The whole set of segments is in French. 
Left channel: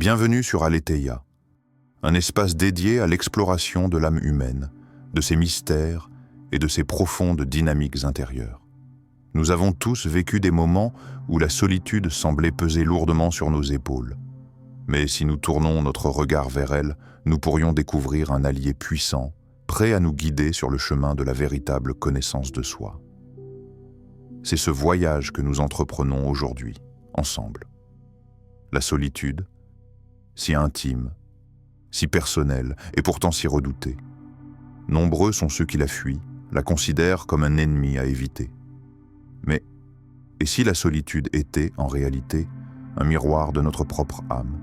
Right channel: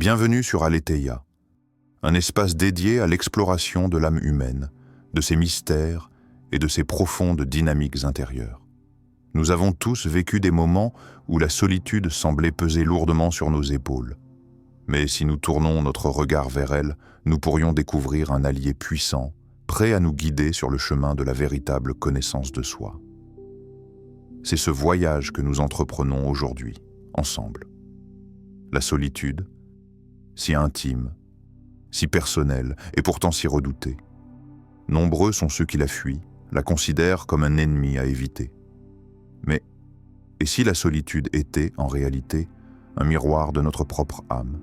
Bienvenue sur Aletheia, un espace dédié à l'exploration de l'âme humaine, de ses mystères et de ses profondes dynamiques intérieures. Nous avons tous vécu des moments où la solitude semblait peser lourdement sur nos épaules. Mais si nous tournons notre regard vers elle, nous pourrions découvrir un allié puissant, prêt à nous guider sur le chemin de la véritable connaissance de soi. C'est ce voyage que nous entreprenons aujourd'hui, ensemble. La solitude, si intime, si personnelle et pourtant si redoutée. Nombreux sont ceux qui la fuient, la considèrent comme un ennemi à éviter. Mais, et si la solitude était, en réalité, un miroir de notre propre âme,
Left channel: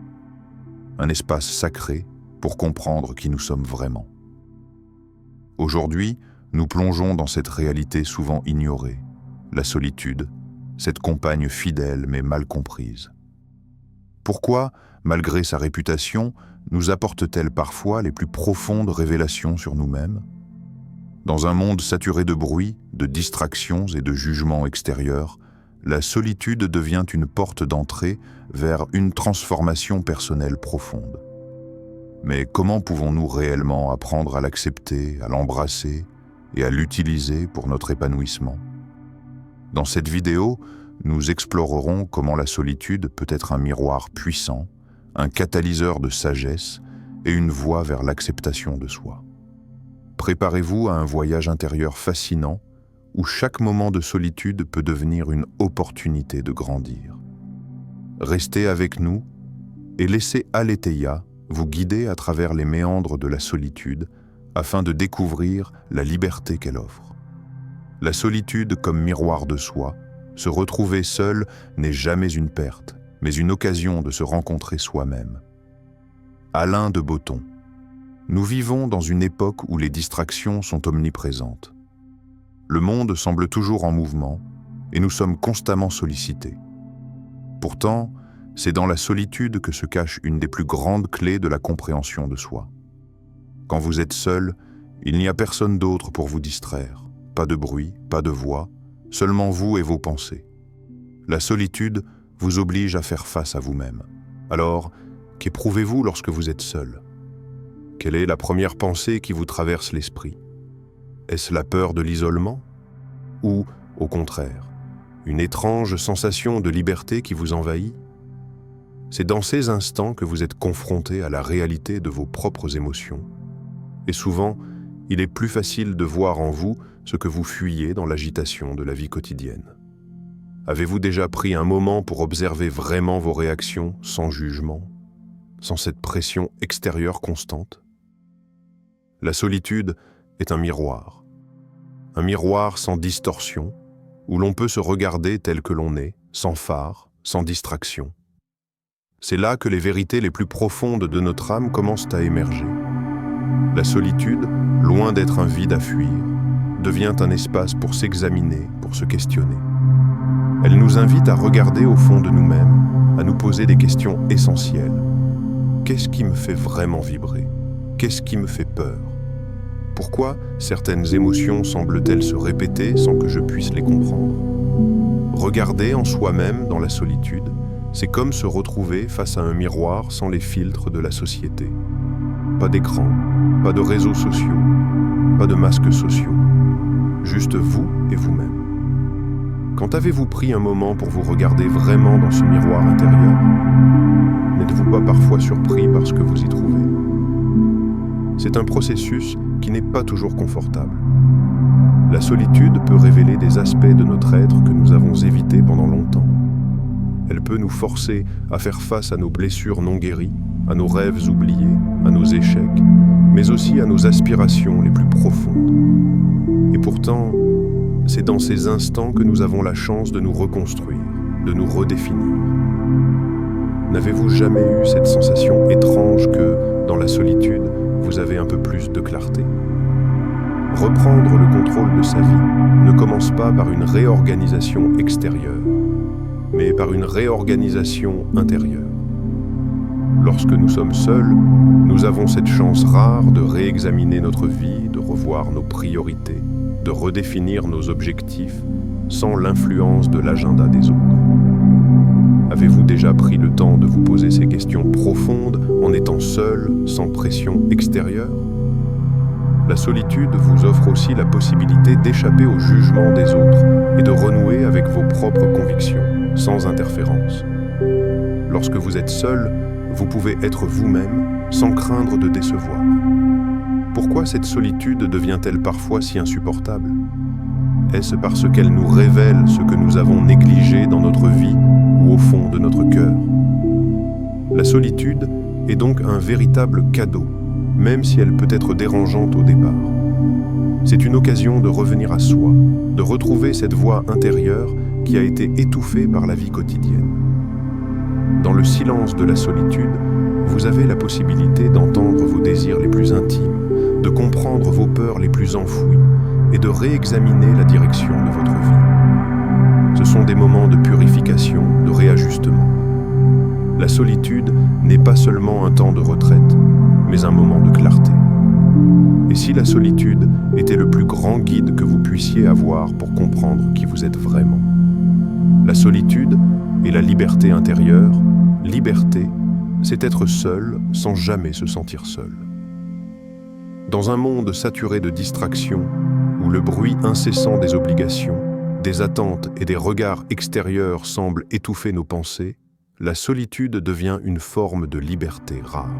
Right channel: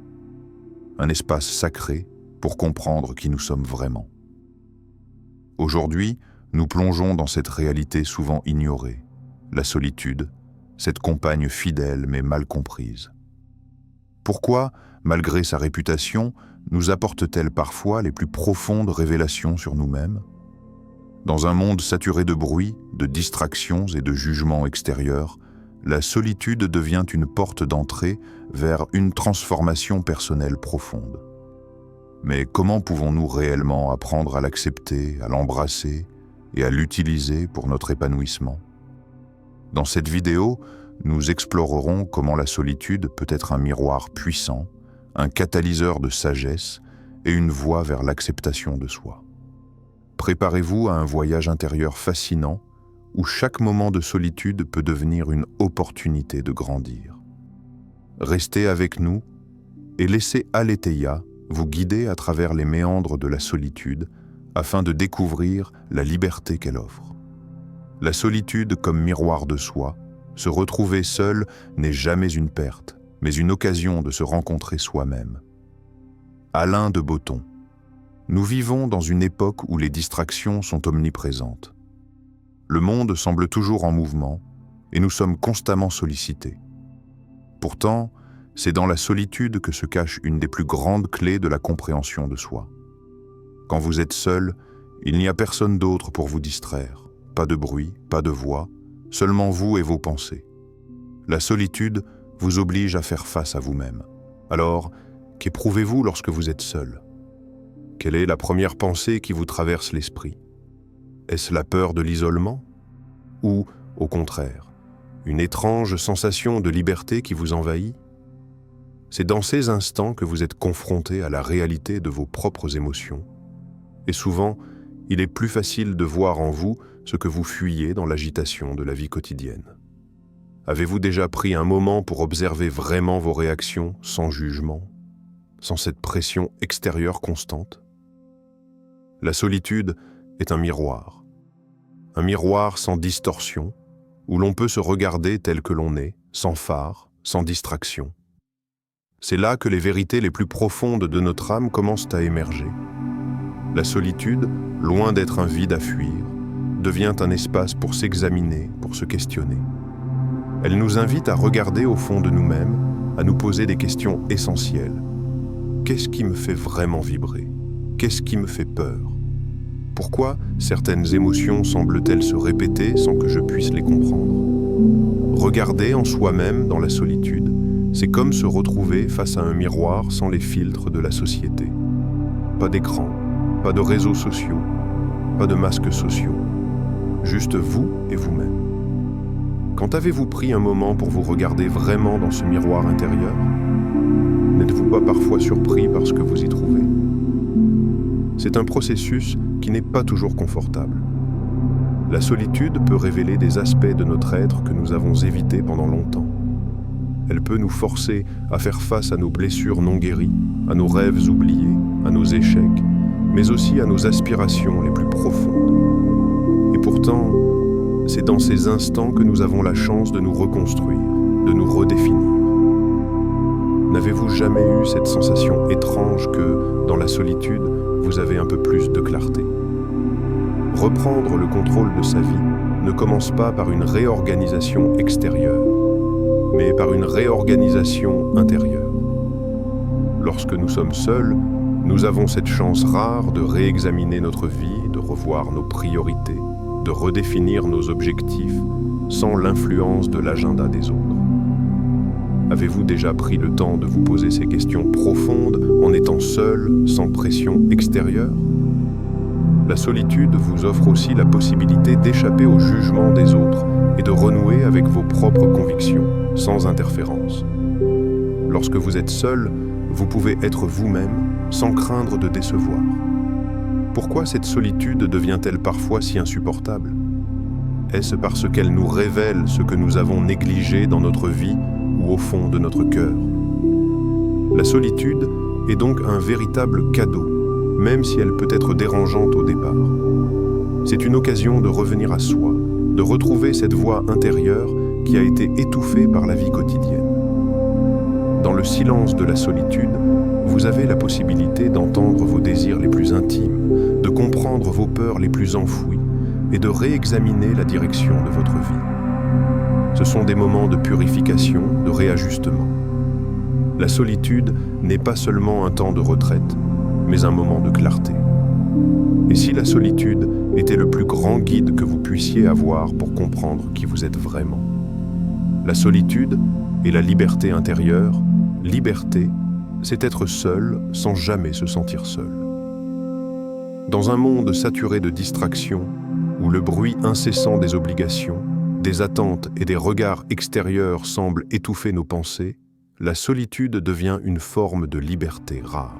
un espace sacré pour comprendre qui nous sommes vraiment? Aujourd'hui, nous plongeons dans cette réalité souvent ignorée, la solitude, cette compagne fidèle mais mal comprise. Pourquoi, malgré sa réputation, nous apporte-t-elle parfois les plus profondes révélations sur nous-mêmes? Dans un monde saturé de bruit, de distractions et de jugements extérieurs, la solitude devient une porte d'entrée vers une transformation personnelle profonde. Mais comment pouvons-nous réellement apprendre à l'accepter, à l'embrasser et à l'utiliser pour notre épanouissement? Dans cette vidéo, nous explorerons comment la solitude peut être un miroir puissant, un catalyseur de sagesse et une voie vers l'acceptation de soi. Préparez-vous à un voyage intérieur fascinant où chaque moment de solitude peut devenir une opportunité de grandir. Restez avec nous et laissez Aletheia vous guider à travers les méandres de la solitude afin de découvrir la liberté qu'elle offre. La solitude comme miroir de soi, se retrouver seul n'est jamais une perte, mais une occasion de se rencontrer soi-même. Alain de Botton. Nous vivons dans une époque où les distractions sont omniprésentes. Le monde semble toujours en mouvement et nous sommes constamment sollicités. Pourtant, c'est dans la solitude que se cache une des plus grandes clés de la compréhension de soi. Quand vous êtes seul, il n'y a personne d'autre pour vous distraire. Pas de bruit, pas de voix, seulement vous et vos pensées. La solitude vous oblige à faire face à vous-même. Alors, qu'éprouvez-vous lorsque vous êtes seul? Quelle est la première pensée qui vous traverse l'esprit? Est-ce la peur de l'isolement? Ou, au contraire, une étrange sensation de liberté qui vous envahit? C'est dans ces instants que vous êtes confronté à la réalité de vos propres émotions. Et souvent, il est plus facile de voir en vous ce que vous fuyez dans l'agitation de la vie quotidienne. Avez-vous déjà pris un moment pour observer vraiment vos réactions sans jugement, sans cette pression extérieure constante? La solitude est un miroir sans distorsion, où l'on peut se regarder tel que l'on est, sans phare, sans distraction. C'est là que les vérités les plus profondes de notre âme commencent à émerger. La solitude, loin d'être un vide à fuir, devient un espace pour s'examiner, pour se questionner. Elle nous invite à regarder au fond de nous-mêmes, à nous poser des questions essentielles. Qu'est-ce qui me fait vraiment vibrer? Qu'est-ce qui me fait peur? Pourquoi certaines émotions semblent-elles se répéter sans que je puisse les comprendre? Regarder en soi-même dans la solitude, c'est comme se retrouver face à un miroir sans les filtres de la société. Pas d'écran, pas de réseaux sociaux, pas de masques sociaux. Juste vous et vous-même. Quand avez-vous pris un moment pour vous regarder vraiment dans ce miroir intérieur? N'êtes-vous pas parfois surpris par ce que vous y trouvez? C'est un processus qui n'est pas toujours confortable. La solitude peut révéler des aspects de notre être que nous avons évités pendant longtemps. Elle peut nous forcer à faire face à nos blessures non guéries, à nos rêves oubliés, à nos échecs, mais aussi à nos aspirations les plus profondes. Et pourtant, c'est dans ces instants que nous avons la chance de nous reconstruire, de nous redéfinir. N'avez-vous jamais eu cette sensation étrange que, dans la solitude, vous avez un peu plus de clarté? Reprendre le contrôle de sa vie ne commence pas par une réorganisation extérieure, mais par une réorganisation intérieure. Lorsque nous sommes seuls, nous avons cette chance rare de réexaminer notre vie, de revoir nos priorités, de redéfinir nos objectifs sans l'influence de l'agenda des autres. Avez-vous déjà pris le temps de vous poser ces questions profondes en étant seul, sans pression extérieure? La solitude vous offre aussi la possibilité d'échapper au jugement des autres et de renouer avec vos propres convictions, sans interférence. Lorsque vous êtes seul, vous pouvez être vous-même sans craindre de décevoir. Pourquoi cette solitude devient-elle parfois si insupportable? Est-ce parce qu'elle nous révèle ce que nous avons négligé dans notre vie ou au fond de notre cœur? La solitude est donc un véritable cadeau, même si elle peut être dérangeante au départ. C'est une occasion de revenir à soi, de retrouver cette voix intérieure qui a été étouffée par la vie quotidienne. Dans le silence de la solitude, vous avez la possibilité d'entendre vos désirs les plus intimes, de comprendre vos peurs les plus enfouies et de réexaminer la direction de votre vie. Ce sont des moments de purification, de réajustement. La solitude n'est pas seulement un temps de retraite, mais un moment de clarté. Et si la solitude était le plus grand guide que vous puissiez avoir pour comprendre qui vous êtes vraiment? La solitude et la liberté intérieure, liberté, c'est être seul sans jamais se sentir seul. Dans un monde saturé de distractions, où le bruit incessant des obligations, des attentes et des regards extérieurs semblent étouffer nos pensées, la solitude devient une forme de liberté rare.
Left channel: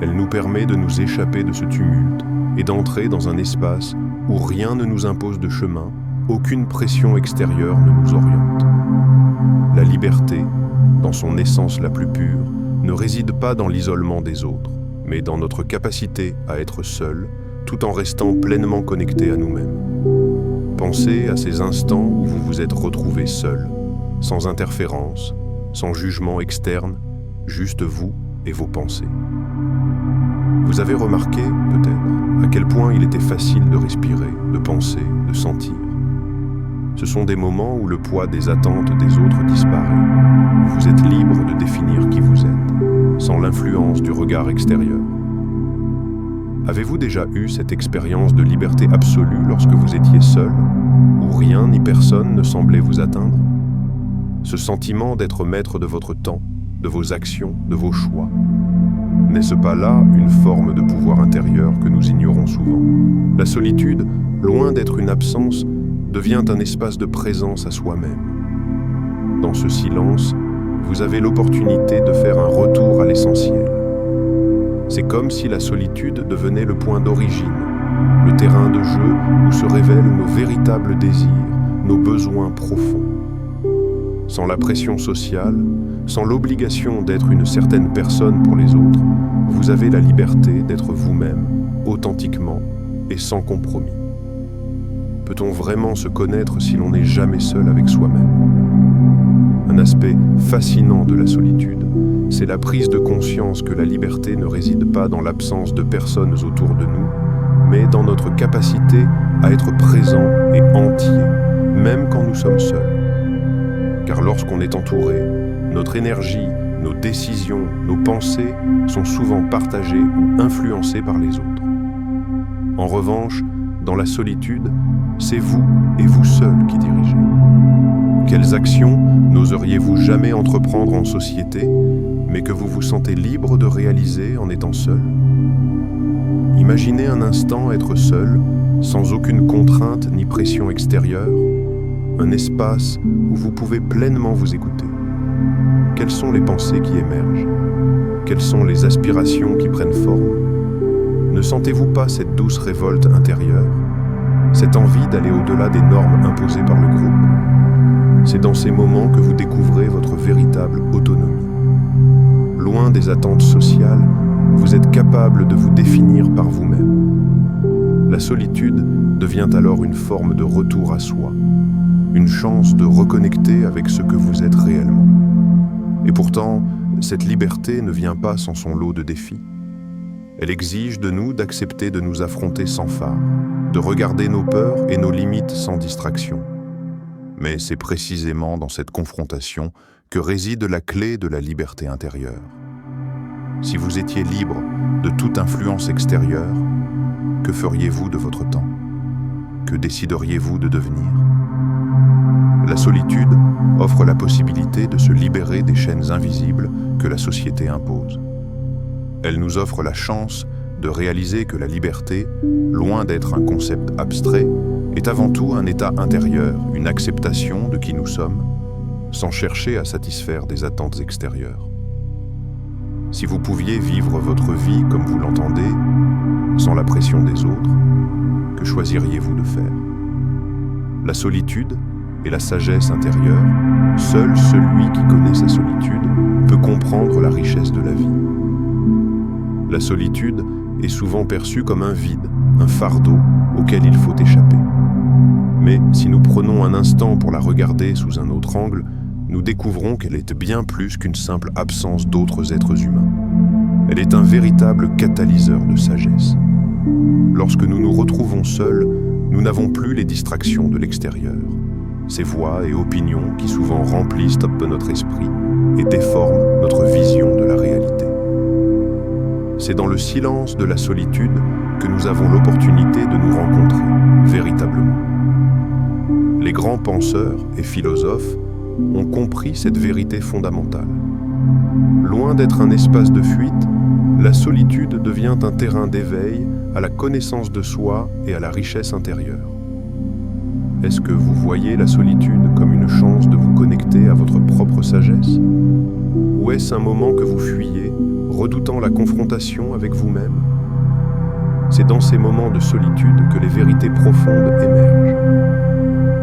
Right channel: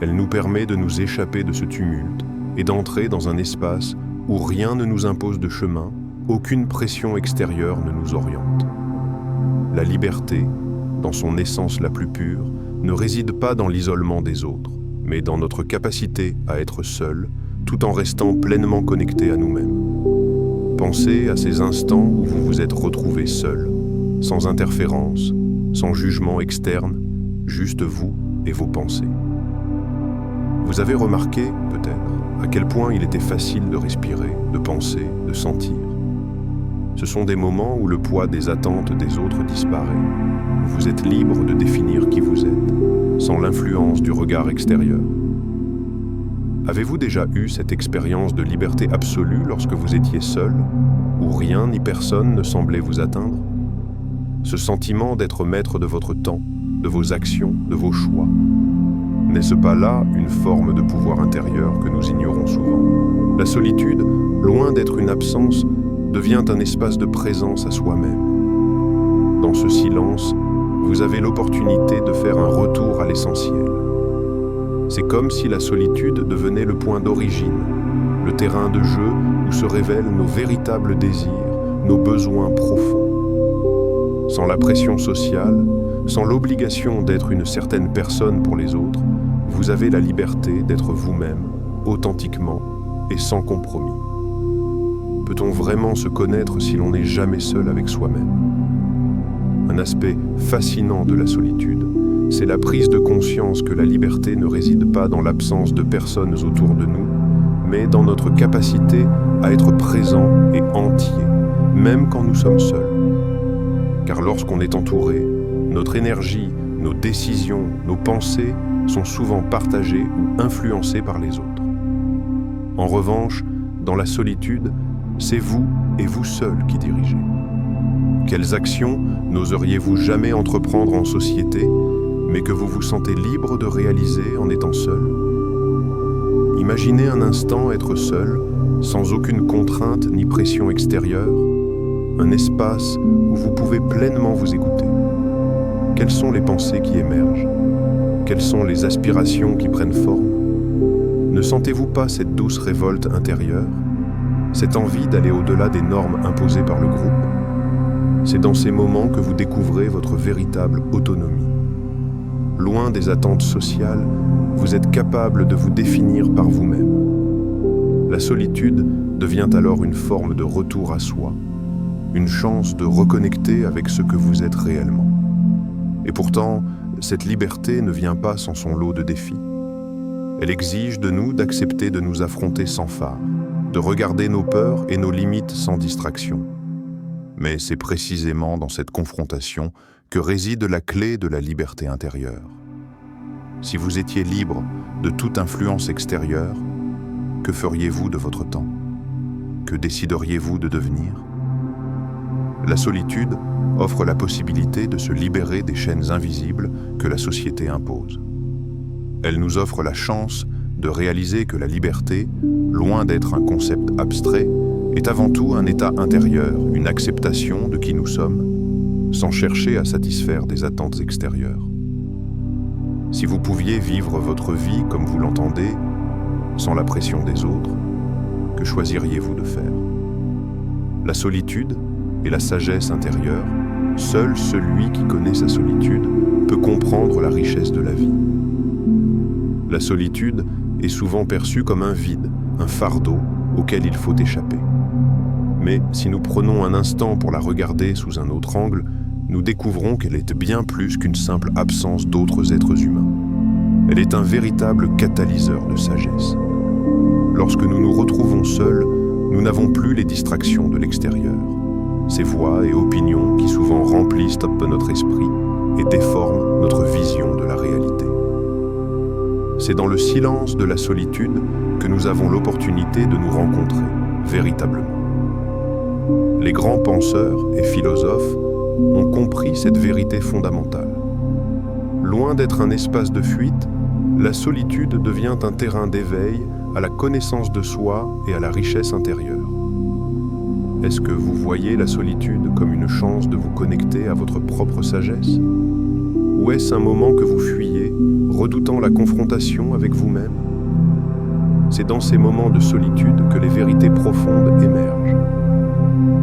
Elle nous permet de nous échapper de ce tumulte et d'entrer dans un espace où rien ne nous impose de chemin, aucune pression extérieure ne nous oriente. La liberté, dans son essence la plus pure, ne réside pas dans l'isolement des autres, mais dans notre capacité à être seul, tout en restant pleinement connecté à nous-mêmes. Pensez à ces instants où vous vous êtes retrouvé seul, sans interférence, sans jugement externe, juste vous et vos pensées. Vous avez remarqué, peut-être, à quel point il était facile de respirer, de penser, de sentir. Ce sont des moments où le poids des attentes des autres disparaît, où vous êtes libre de définir qui vous êtes, sans l'influence du regard extérieur. Avez-vous déjà eu cette expérience de liberté absolue lorsque vous étiez seul, où rien ni personne ne semblait vous atteindre? Ce sentiment d'être maître de votre temps, de vos actions, de vos choix, n'est-ce pas là une forme de pouvoir intérieur que nous ignorons souvent? La solitude, loin d'être une absence, devient un espace de présence à soi-même. Dans ce silence, vous avez l'opportunité de faire un retour à l'essentiel. C'est comme si la solitude devenait le point d'origine, le terrain de jeu où se révèlent nos véritables désirs, nos besoins profonds. Sans la pression sociale, sans l'obligation d'être une certaine personne pour les autres, vous avez la liberté d'être vous-même, authentiquement et sans compromis. Peut-on vraiment se connaître si l'on n'est jamais seul avec soi-même? Un aspect fascinant de la solitude, c'est la prise de conscience que la liberté ne réside pas dans l'absence de personnes autour de nous, mais dans notre capacité à être présent et entier, même quand nous sommes seuls. Car lorsqu'on est entouré, notre énergie, nos décisions, nos pensées sont souvent partagées ou influencées par les autres. En revanche, dans la solitude, c'est vous et vous seul qui dirigez. Quelles actions n'oseriez-vous jamais entreprendre en société, mais que vous vous sentez libre de réaliser en étant seul? Imaginez un instant être seul, sans aucune contrainte ni pression extérieure, un espace où vous pouvez pleinement vous écouter. Quelles sont les pensées qui émergent? Quelles sont les aspirations qui prennent forme? Ne sentez-vous pas cette douce révolte intérieure, cette envie d'aller au-delà des normes imposées par le groupe? C'est dans ces moments que vous découvrez votre véritable autonomie. Loin des attentes sociales, vous êtes capable de vous définir par vous-même. La solitude devient alors une forme de retour à soi, une chance de reconnecter avec ce que vous êtes réellement. Et pourtant, cette liberté ne vient pas sans son lot de défis. Elle exige de nous d'accepter de nous affronter sans phare, de regarder nos peurs et nos limites sans distraction. Mais c'est précisément dans cette confrontation que réside la clé de la liberté intérieure. Si vous étiez libre de toute influence extérieure, que feriez-vous de votre temps? Que décideriez-vous de devenir? La solitude offre la possibilité de se libérer des chaînes invisibles que la société impose. Elle nous offre la chance de réaliser que la liberté, loin d'être un concept abstrait, est avant tout un état intérieur, une acceptation de qui nous sommes, sans chercher à satisfaire des attentes extérieures. Si vous pouviez vivre votre vie comme vous l'entendez, sans la pression des autres, que choisiriez-vous de faire? La solitude et la sagesse intérieure, seul celui qui connaît sa solitude peut comprendre la richesse de la vie. La solitude est souvent perçue comme un vide, un fardeau auquel il faut échapper. Mais si nous prenons un instant pour la regarder sous un autre angle, nous découvrons qu'elle est bien plus qu'une simple absence d'autres êtres humains. Elle est un véritable catalyseur de sagesse. Lorsque nous nous retrouvons seuls, nous n'avons plus les distractions de l'extérieur, ces voix et opinions qui souvent remplissent un peu notre esprit et déforment notre vision de la réalité. C'est dans le silence de la solitude que nous avons l'opportunité de nous rencontrer véritablement. Les grands penseurs et philosophes ont compris cette vérité fondamentale. Loin d'être un espace de fuite, la solitude devient un terrain d'éveil à la connaissance de soi et à la richesse intérieure. Est-ce que vous voyez la solitude comme une chance de vous connecter à votre propre sagesse? Ou est-ce un moment que vous fuyez, redoutant la confrontation avec vous-même? C'est dans ces moments de solitude que les vérités profondes émergent.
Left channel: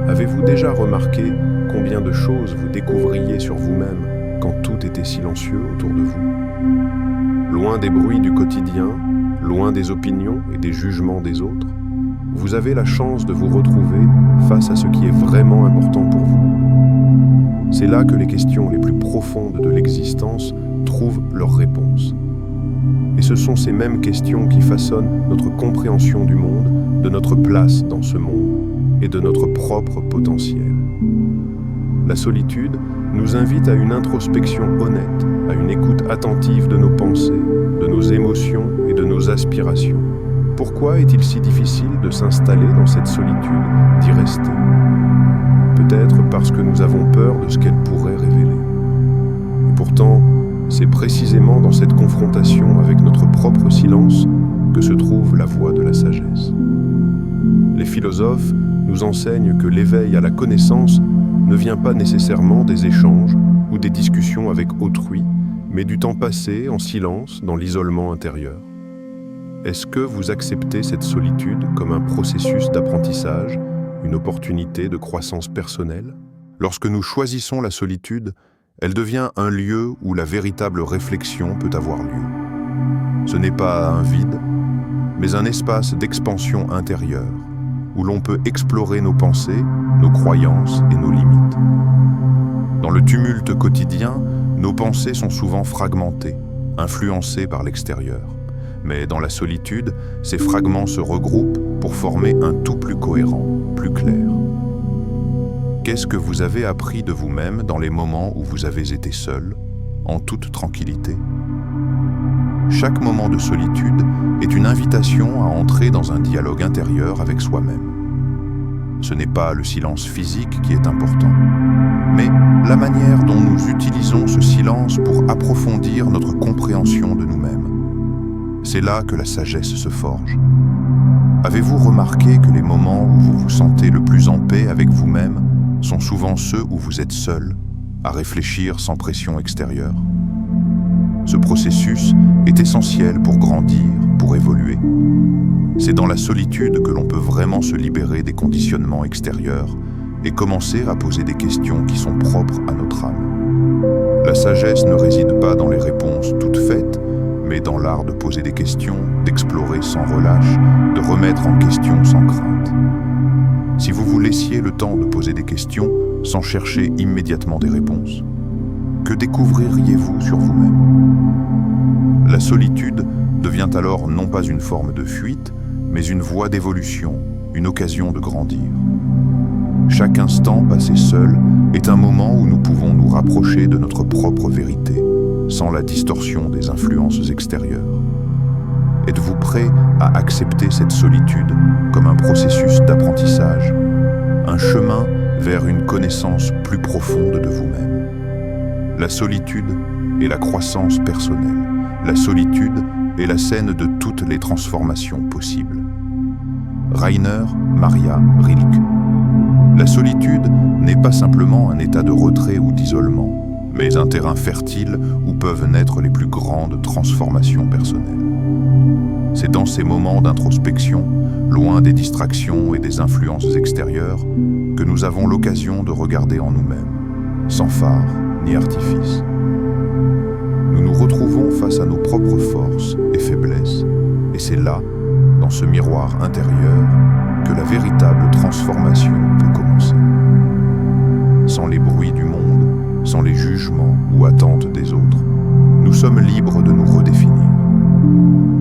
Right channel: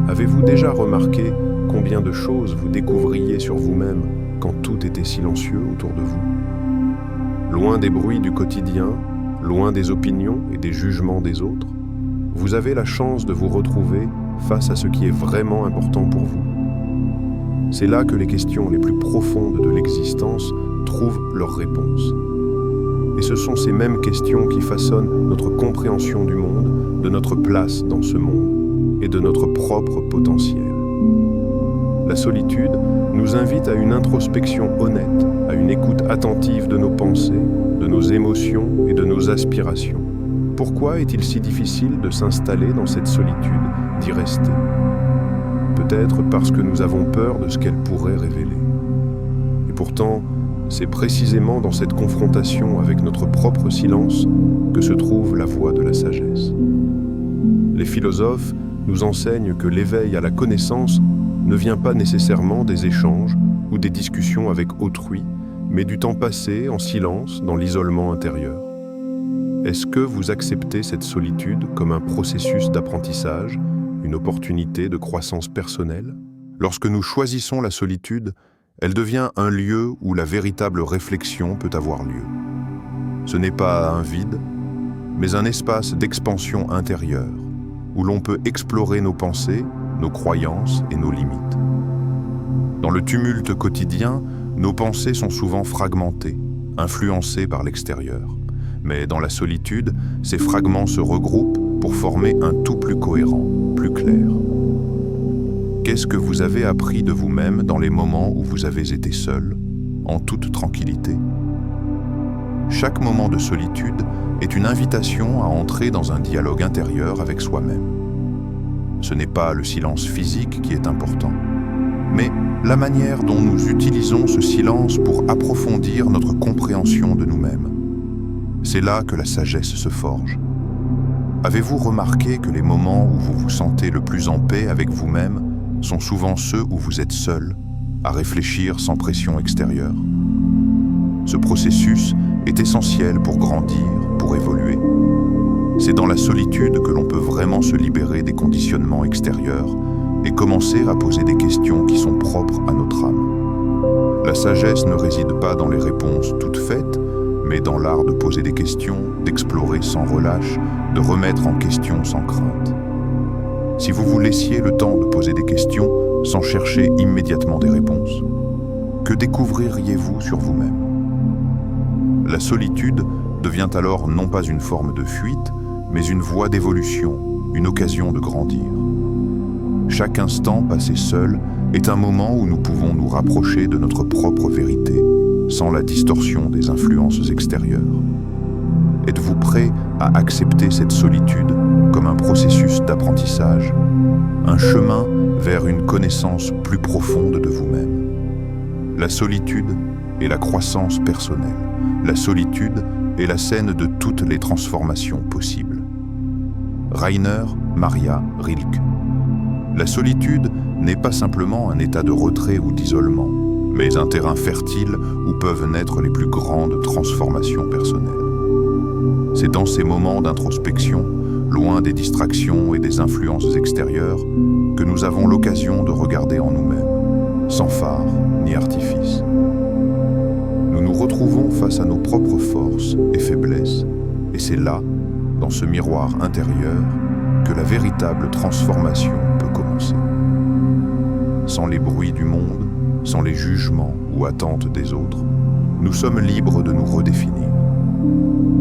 Avez-vous déjà remarqué combien de choses vous découvriez sur vous-même quand tout était silencieux autour de vous? Loin des bruits du quotidien, loin des opinions et des jugements des autres, vous avez la chance de vous retrouver face à ce qui est vraiment important pour vous. C'est là que les questions les plus profondes de l'existence trouvent leur réponse. Et ce sont ces mêmes questions qui façonnent notre compréhension du monde, de notre place dans ce monde et de notre propre potentiel. La solitude nous invite à une introspection honnête, à une écoute attentive de nos pensées, de nos émotions et de nos aspirations. Pourquoi est-il si difficile de s'installer dans cette solitude, d'y rester? Peut-être parce que nous avons peur de ce qu'elle pourrait révéler. Et pourtant, c'est précisément dans cette confrontation avec notre propre silence que se trouve la voie de la sagesse. Les philosophes nous enseignent que l'éveil à la connaissance ne vient pas nécessairement des échanges ou des discussions avec autrui, mais du temps passé en silence dans l'isolement intérieur. Est-ce que vous acceptez cette solitude comme un processus d'apprentissage, une opportunité de croissance personnelle? Lorsque nous choisissons la solitude, elle devient un lieu où la véritable réflexion peut avoir lieu. Ce n'est pas un vide, mais un espace d'expansion intérieure, où l'on peut explorer nos pensées, nos croyances et nos limites. Dans le tumulte quotidien, nos pensées sont souvent fragmentées, influencées par l'extérieur. Mais dans la solitude, ces fragments se regroupent pour former un tout plus cohérent, plus clair. Qu'est-ce que vous avez appris de vous-même dans les moments où vous avez été seul, en toute tranquillité? Chaque moment de solitude est une invitation à entrer dans un dialogue intérieur avec soi-même. Ce n'est pas le silence physique qui est important, mais la manière dont nous utilisons ce silence pour approfondir notre compréhension de nous-mêmes. C'est là que la sagesse se forge. Avez-vous remarqué que les moments où vous vous sentez le plus en paix avec vous-même sont souvent ceux où vous êtes seul, à réfléchir sans pression extérieure? Ce processus est essentiel pour grandir, pour évoluer. C'est dans la solitude que l'on peut vraiment se libérer des conditionnements extérieurs et commencer à poser des questions qui sont propres à notre âme. La sagesse ne réside pas dans les réponses toutes faites, mais dans l'art de poser des questions, d'explorer sans relâche, de remettre en question sans crainte. Si vous vous laissiez le temps de poser des questions sans chercher immédiatement des réponses, que découvririez-vous sur vous-même? La solitude devient alors non pas une forme de fuite, mais une voie d'évolution, une occasion de grandir. Chaque instant passé seul est un moment où nous pouvons nous rapprocher de notre propre vérité, sans la distorsion des influences extérieures. Êtes-vous prêt à accepter cette solitude comme un processus d'apprentissage, un chemin vers une connaissance plus profonde de vous-même. La solitude est la croissance personnelle. La solitude est la scène de toutes les transformations possibles. Rainer Maria Rilke. La solitude n'est pas simplement un état de retrait ou d'isolement, mais un terrain fertile où peuvent naître les plus grandes transformations personnelles. C'est dans ces moments d'introspection, loin des distractions et des influences extérieures, que nous avons l'occasion de regarder en nous-mêmes, sans phare ni artifice. Nous nous retrouvons face à nos propres forces et faiblesses, et c'est là, dans ce miroir intérieur, que la véritable transformation peut commencer. Sans les bruits du monde, sans les jugements ou attentes des autres, nous sommes libres de nous redéfinir.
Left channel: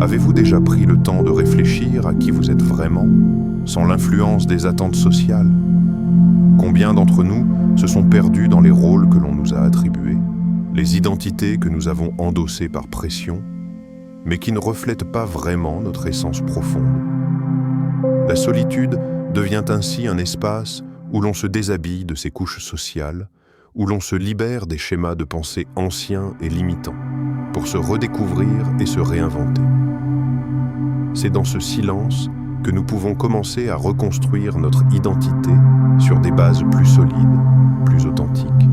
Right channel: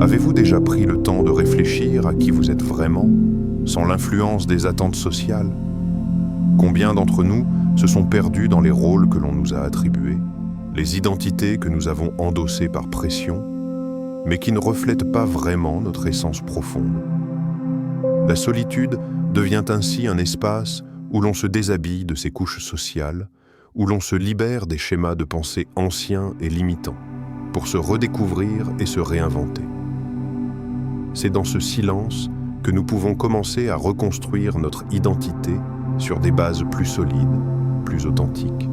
Avez-vous déjà pris le temps de réfléchir à qui vous êtes vraiment, sans l'influence des attentes sociales? Combien d'entre nous se sont perdus dans les rôles que l'on nous a attribués, les identités que nous avons endossées par pression, mais qui ne reflètent pas vraiment notre essence profonde? La solitude devient ainsi un espace où l'on se déshabille de ses couches sociales, où l'on se libère des schémas de pensée anciens et limitants, pour se redécouvrir et se réinventer. C'est dans ce silence que nous pouvons commencer à reconstruire notre identité sur des bases plus solides, plus authentiques.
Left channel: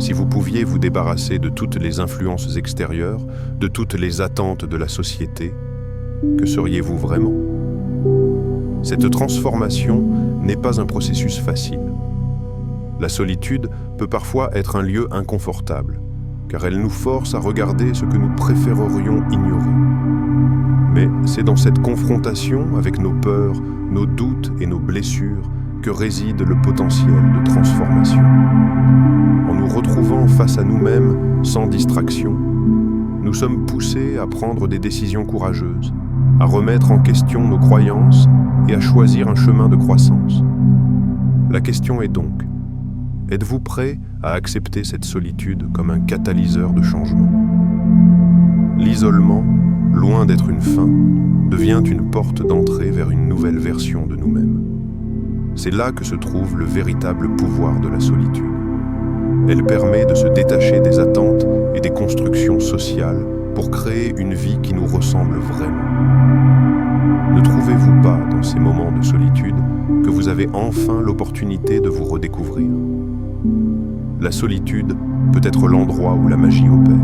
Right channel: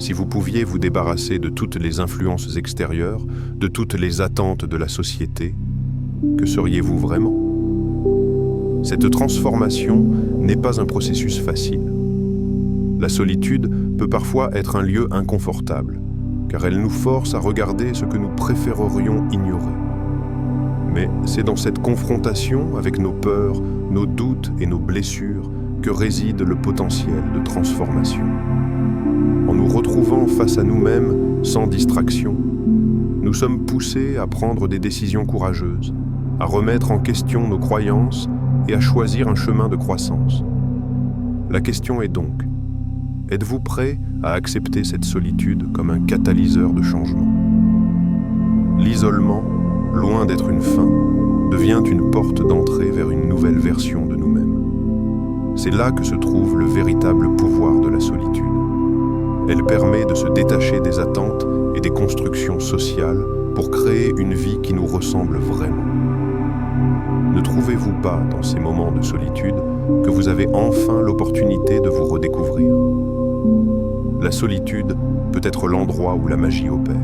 Si vous pouviez vous débarrasser de toutes les influences extérieures, de toutes les attentes de la société, que seriez-vous vraiment? Cette transformation n'est pas un processus facile. La solitude peut parfois être un lieu inconfortable, car elle nous force à regarder ce que nous préférerions ignorer. Mais c'est dans cette confrontation avec nos peurs, nos doutes et nos blessures que réside le potentiel de transformation. En nous retrouvant face à nous-mêmes sans distraction, nous sommes poussés à prendre des décisions courageuses, à remettre en question nos croyances et à choisir un chemin de croissance. La question est donc, êtes-vous prêt à accepter cette solitude comme un catalyseur de changement? L'isolement, loin d'être une fin, devient une porte d'entrée vers une nouvelle version de nous-mêmes. C'est là que se trouve le véritable pouvoir de la solitude. Elle permet de se détacher des attentes et des constructions sociales pour créer une vie qui nous ressemble vraiment. Ne trouvez-vous pas, dans ces moments de solitude, que vous avez enfin l'opportunité de vous redécouvrir? La solitude peut être l'endroit où la magie opère,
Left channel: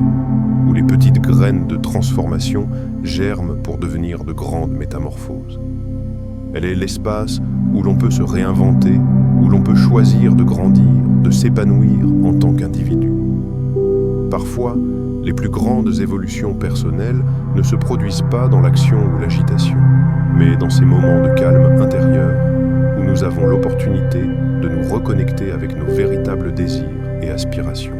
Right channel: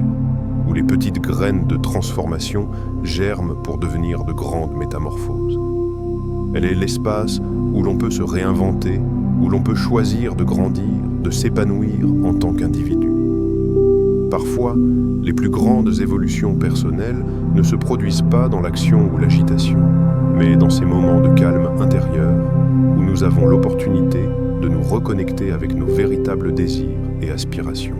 où les petites graines de transformation germent pour devenir de grandes métamorphoses. Elle est l'espace où l'on peut se réinventer, où l'on peut choisir de grandir, de s'épanouir en tant qu'individu. Parfois, les plus grandes évolutions personnelles ne se produisent pas dans l'action ou l'agitation, mais dans ces moments de calme intérieur où nous avons l'opportunité de nous reconnecter avec nos véritables désirs et aspirations.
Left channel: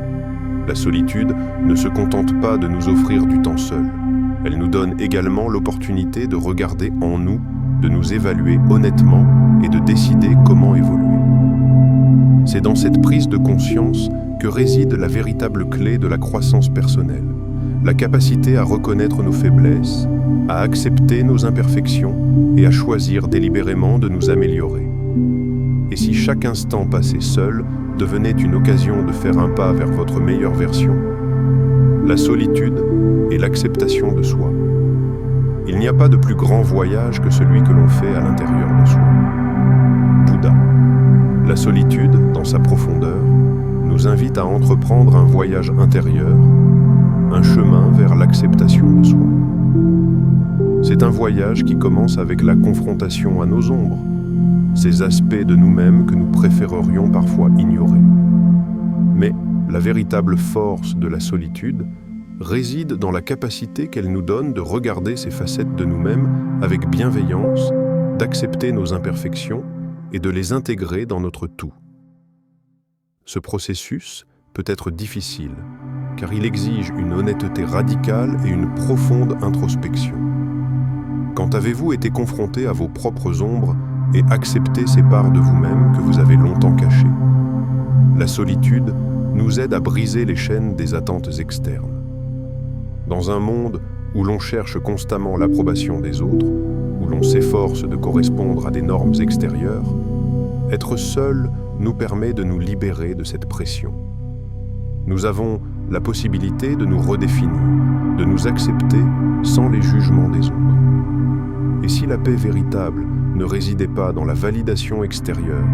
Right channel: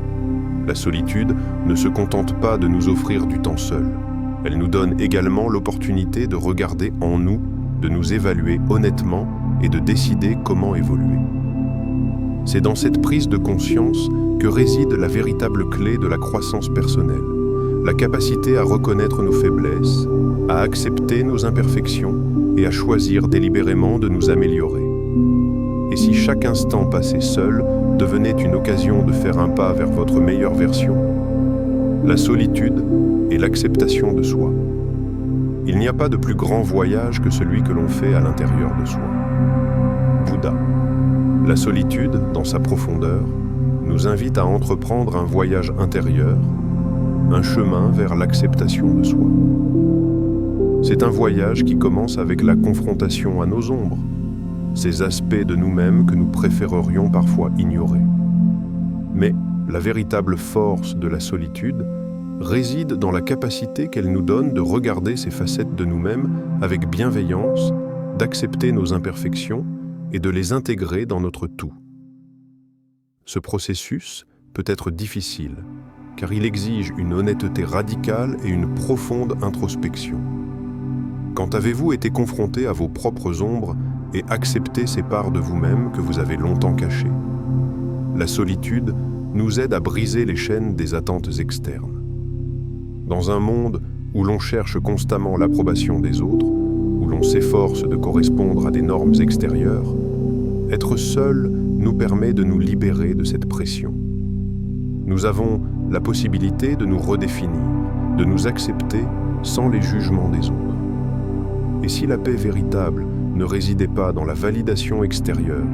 La solitude ne se contente pas de nous offrir du temps seul. Elle nous donne également l'opportunité de regarder en nous, de nous évaluer honnêtement et de décider comment évoluer. C'est dans cette prise de conscience que réside la véritable clé de la croissance personnelle, la capacité à reconnaître nos faiblesses, à accepter nos imperfections et à choisir délibérément de nous améliorer. Et si chaque instant passé seul devenait une occasion de faire un pas vers votre meilleure version? La solitude est l'acceptation de soi. Il n'y a pas de plus grand voyage que celui que l'on fait à l'intérieur de soi. Bouddha. La solitude, dans sa profondeur, nous invite à entreprendre un voyage intérieur, un chemin vers l'acceptation de soi. C'est un voyage qui commence avec la confrontation à nos ombres, ces aspects de nous-mêmes que nous préférerions parfois ignorer. Mais la véritable force de la solitude réside dans la capacité qu'elle nous donne de regarder ces facettes de nous-mêmes avec bienveillance, d'accepter nos imperfections et de les intégrer dans notre tout. Ce processus peut être difficile, car il exige une honnêteté radicale et une profonde introspection. Quand avez-vous été confronté à vos propres ombres et accepté ces parts de vous-même que vous avez longtemps cachées? La solitude nous aide à briser les chaînes des attentes externes. Dans un monde où l'on cherche constamment l'approbation des autres, où l'on s'efforce de correspondre à des normes extérieures, être seul nous permet de nous libérer de cette pression. Nous avons la possibilité de nous redéfinir, de nous accepter sans les jugements des autres. Et si la paix véritable ne résidait pas dans la validation extérieure,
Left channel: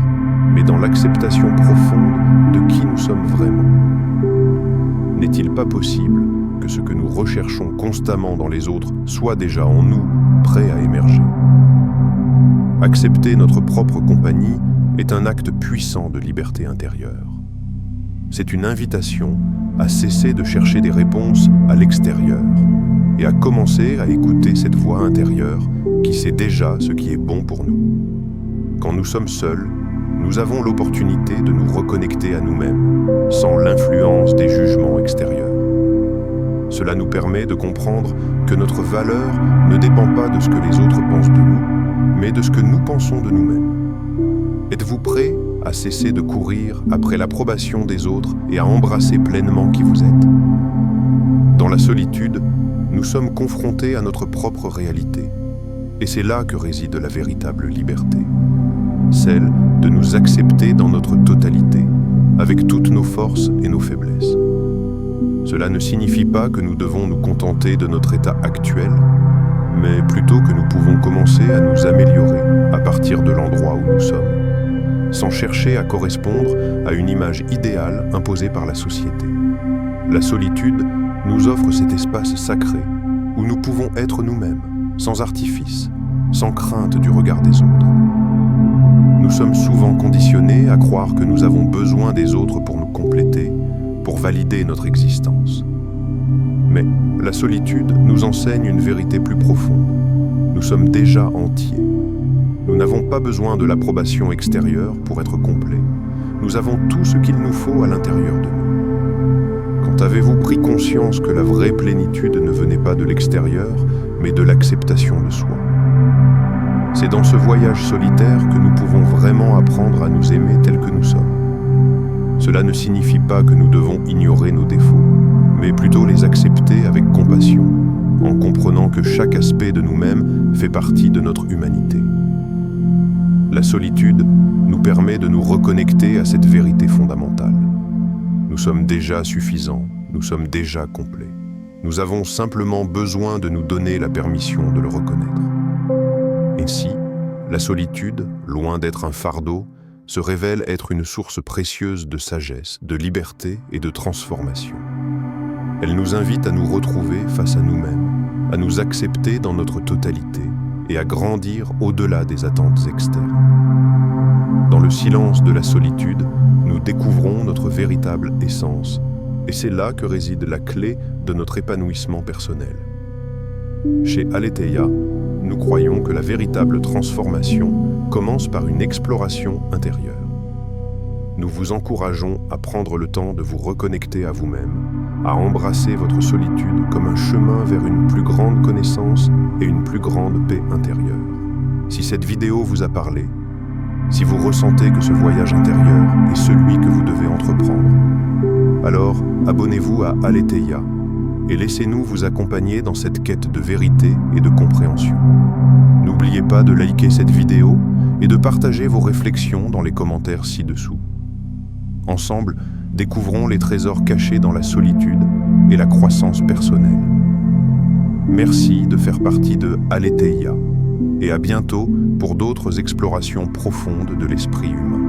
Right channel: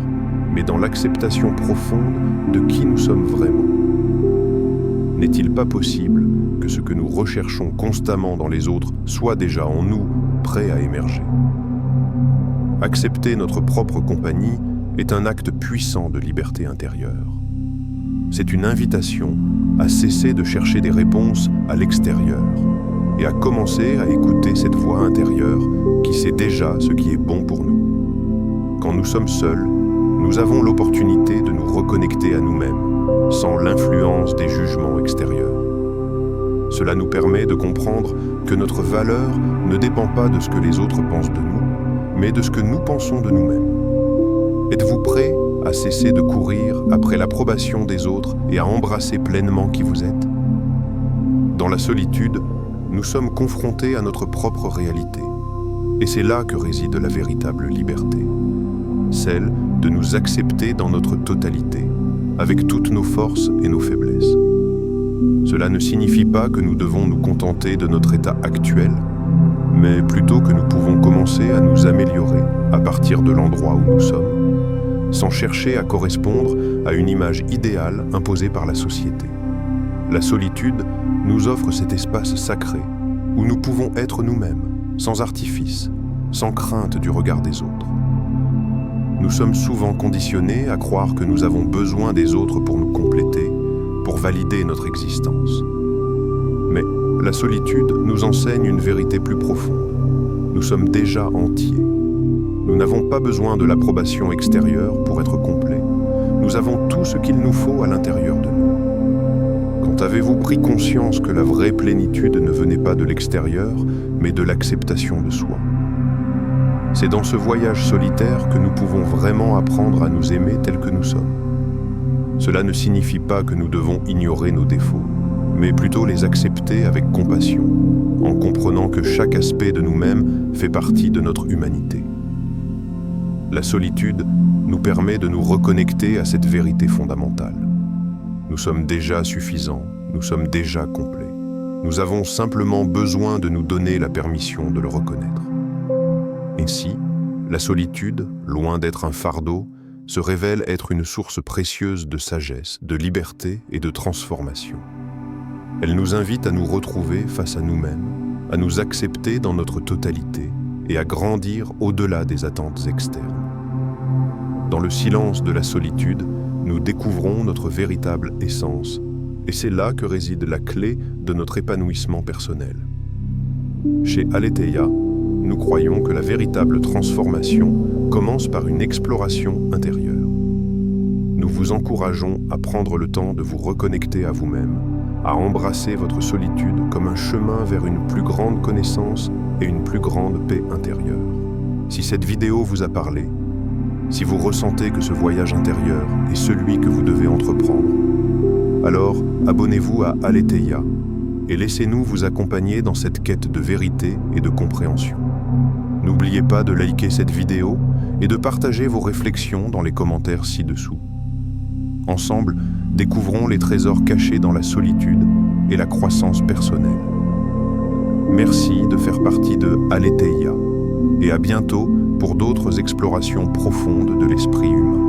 mais dans l'acceptation profonde de qui nous sommes vraiment? N'est-il pas possible que ce que nous recherchons constamment dans les autres soit déjà en nous, prêt à émerger? Accepter notre propre compagnie est un acte puissant de liberté intérieure. C'est une invitation à cesser de chercher des réponses à l'extérieur et à commencer à écouter cette voix intérieure qui sait déjà ce qui est bon pour nous. Quand nous sommes seuls, nous avons l'opportunité de nous reconnecter à nous-mêmes, sans l'influence des jugements extérieurs. Cela nous permet de comprendre que notre valeur ne dépend pas de ce que les autres pensent de nous, mais de ce que nous pensons de nous-mêmes. Êtes-vous prêt à cesser de courir après l'approbation des autres et à embrasser pleinement qui vous êtes? Dans la solitude, nous sommes confrontés à notre propre réalité. Et c'est là que réside la véritable liberté. Celle de nous accepter dans notre totalité, avec toutes nos forces et nos faiblesses. Cela ne signifie pas que nous devons nous contenter de notre état actuel, mais plutôt que nous pouvons commencer à nous améliorer à partir de l'endroit où nous sommes, sans chercher à correspondre à une image idéale imposée par la société. La solitude nous offre cet espace sacré où nous pouvons être nous-mêmes, sans artifice, sans crainte du regard des autres. Nous sommes souvent conditionnés à croire que nous avons besoin des autres pour nous compléter, pour valider notre existence. Mais la solitude nous enseigne une vérité plus profonde. Nous sommes déjà entiers. Nous n'avons pas besoin de l'approbation extérieure pour être complets. Nous avons tout ce qu'il nous faut à l'intérieur de nous. Quand avez-vous pris conscience que la vraie plénitude ne venait pas de l'extérieur, mais de l'acceptation de soi? C'est dans ce voyage solitaire que nous pouvons vraiment apprendre à nous aimer tels que nous sommes. Cela ne signifie pas que nous devons ignorer nos défauts, mais plutôt les accepter avec compassion, en comprenant que chaque aspect de nous-mêmes fait partie de notre humanité. La solitude nous permet de nous reconnecter à cette vérité fondamentale. Nous sommes déjà suffisants, nous sommes déjà complets. Nous avons simplement besoin de nous donner la permission de le reconnaître. Ainsi, la solitude, loin d'être un fardeau, se révèle être une source précieuse de sagesse, de liberté et de transformation. Elle nous invite à nous retrouver face à nous-mêmes, à nous accepter dans notre totalité et à grandir au-delà des attentes externes. Dans le silence de la solitude, nous découvrons notre véritable essence, et c'est là que réside la clé de notre épanouissement personnel. Chez Aletheia, nous croyons que la véritable transformation commence par une exploration intérieure. Nous vous encourageons à prendre le temps de vous reconnecter à vous-même, à embrasser votre solitude comme un chemin vers une plus grande connaissance et une plus grande paix intérieure. Si cette vidéo vous a parlé, si vous ressentez que ce voyage intérieur est celui que vous devez entreprendre, alors abonnez-vous à Aletheia et laissez-nous vous accompagner dans cette quête de vérité et de compréhension. N'oubliez pas de liker cette vidéo et de partager vos réflexions dans les commentaires ci-dessous. Ensemble, découvrons les trésors cachés dans la solitude et la croissance personnelle. Merci de faire partie de Aletheia et à bientôt pour d'autres explorations profondes de l'esprit humain.